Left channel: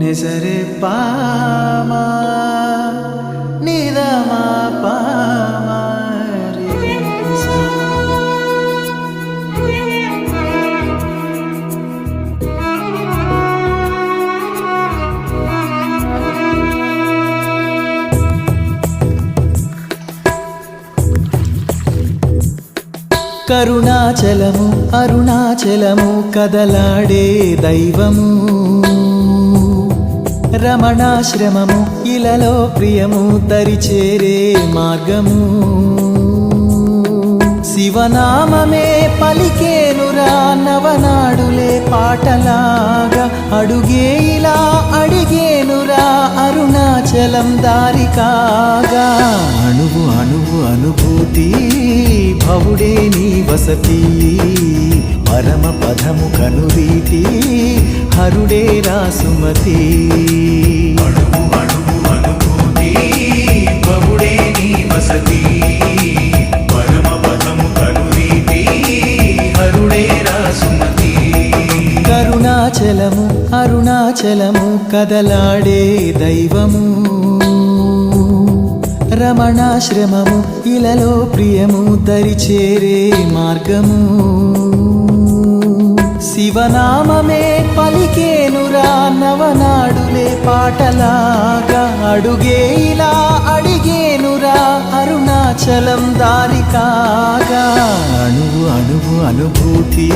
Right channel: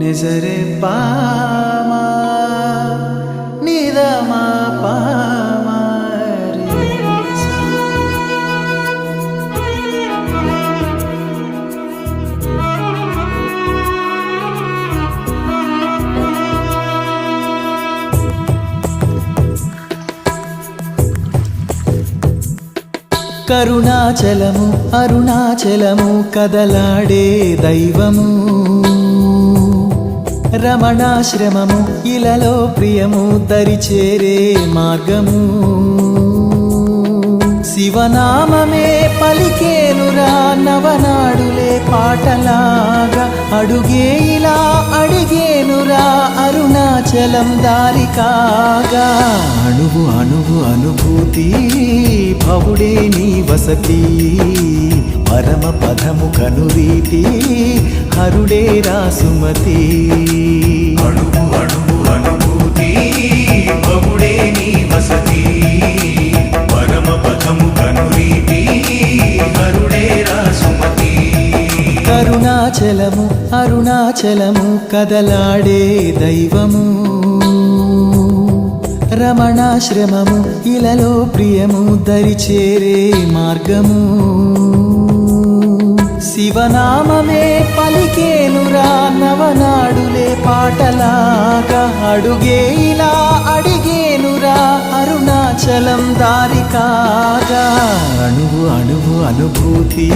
நிசரே பாமா நிதமா பாமா కరుణాచలము అరుణాచలము కదలాడే దైవము. రమణాశ్రమము ఇలలో ప్రియము దరిచేరే మార్గము. శివనామమే పలికేనురా నవనాడులే పాటలాగా. అడుగే ఇలా అడిగేనురా అరుణాచలం దారి కాగా. అణువు అణువు అనుభూతి భవుడే నీ వసతి. పరమ పదము కనురీతి హరుడే రాసుమతి అణువు అణువు అరుణాచలము అరుణాచలము కదలాడే దైవము. రమణాశ్రమము ఇలలో ప్రియము దరిచేరే మార్గము. శివనామమే పలికేనురా నవనాడులే పాటలాగా అడుగే ఇలా అడి అడిగేనురా అరుణాచలం దారి కాగా. అణువు అణువు అనుభూతి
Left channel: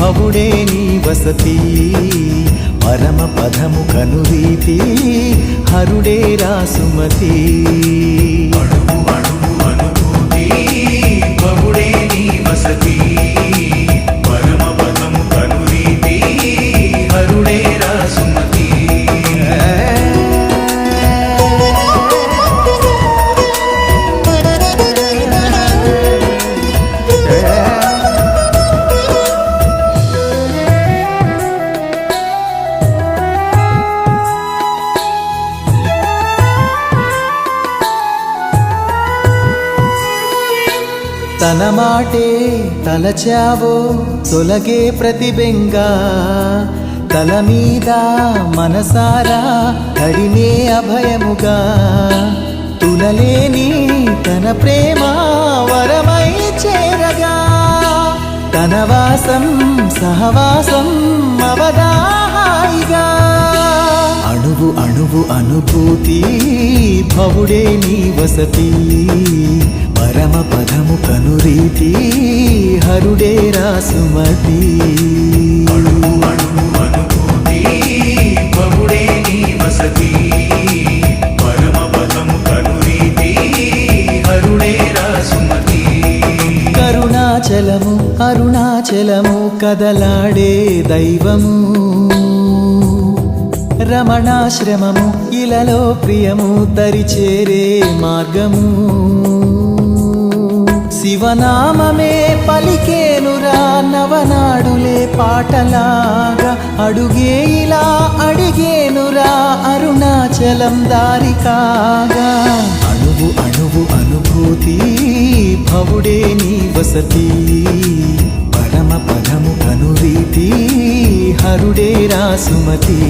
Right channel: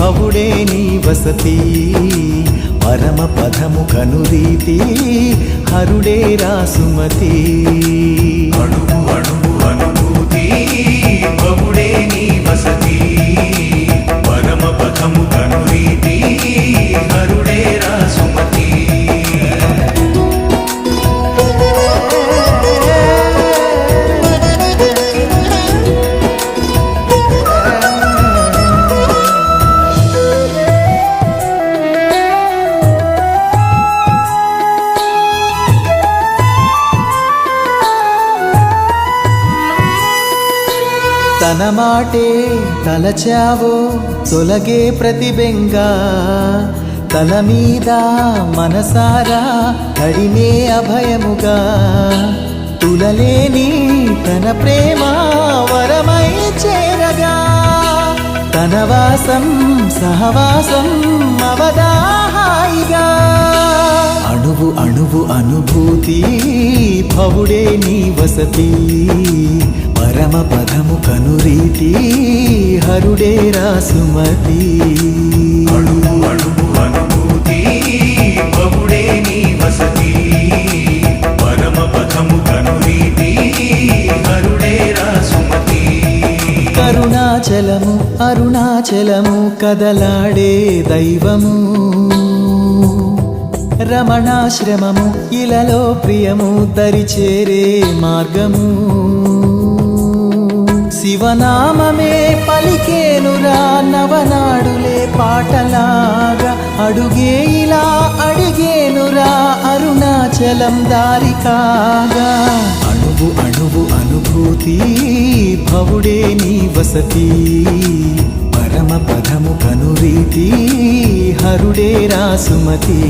భవుడే నీ వసతి. పరమ పదము కనురీతి హరుడే రాసుమతి తన మాటే తలచావో తొలగే ప్రతిబెంగా. తల మీద మనసారా తడినే అభయముగా. తులలేని తన ప్రేమ వరమై చేరగా. తనవాసం సహవాసం అవదాహాయిగా అణువు అణువు అనుభూతి భవుడే నీ వసతి. పరమ పదము కనురీతి హరుడే రాసుమతి. కరుణాచలము అరుణాచలము కదలాడే దైవము. రమణాశ్రమము ఇలలో ప్రియము దరిచేరే మార్గము. శివనామమే పలికేనురా నవనాడులే పాటలాగా. అడుగే ఇలా అడిగేనురా అరుణాచలం దారికాగా అణువు అణువు అనుభూతి భవుడే నీ వసతి. పరమ పదము కనురీతి హరుడే రాసుమతి.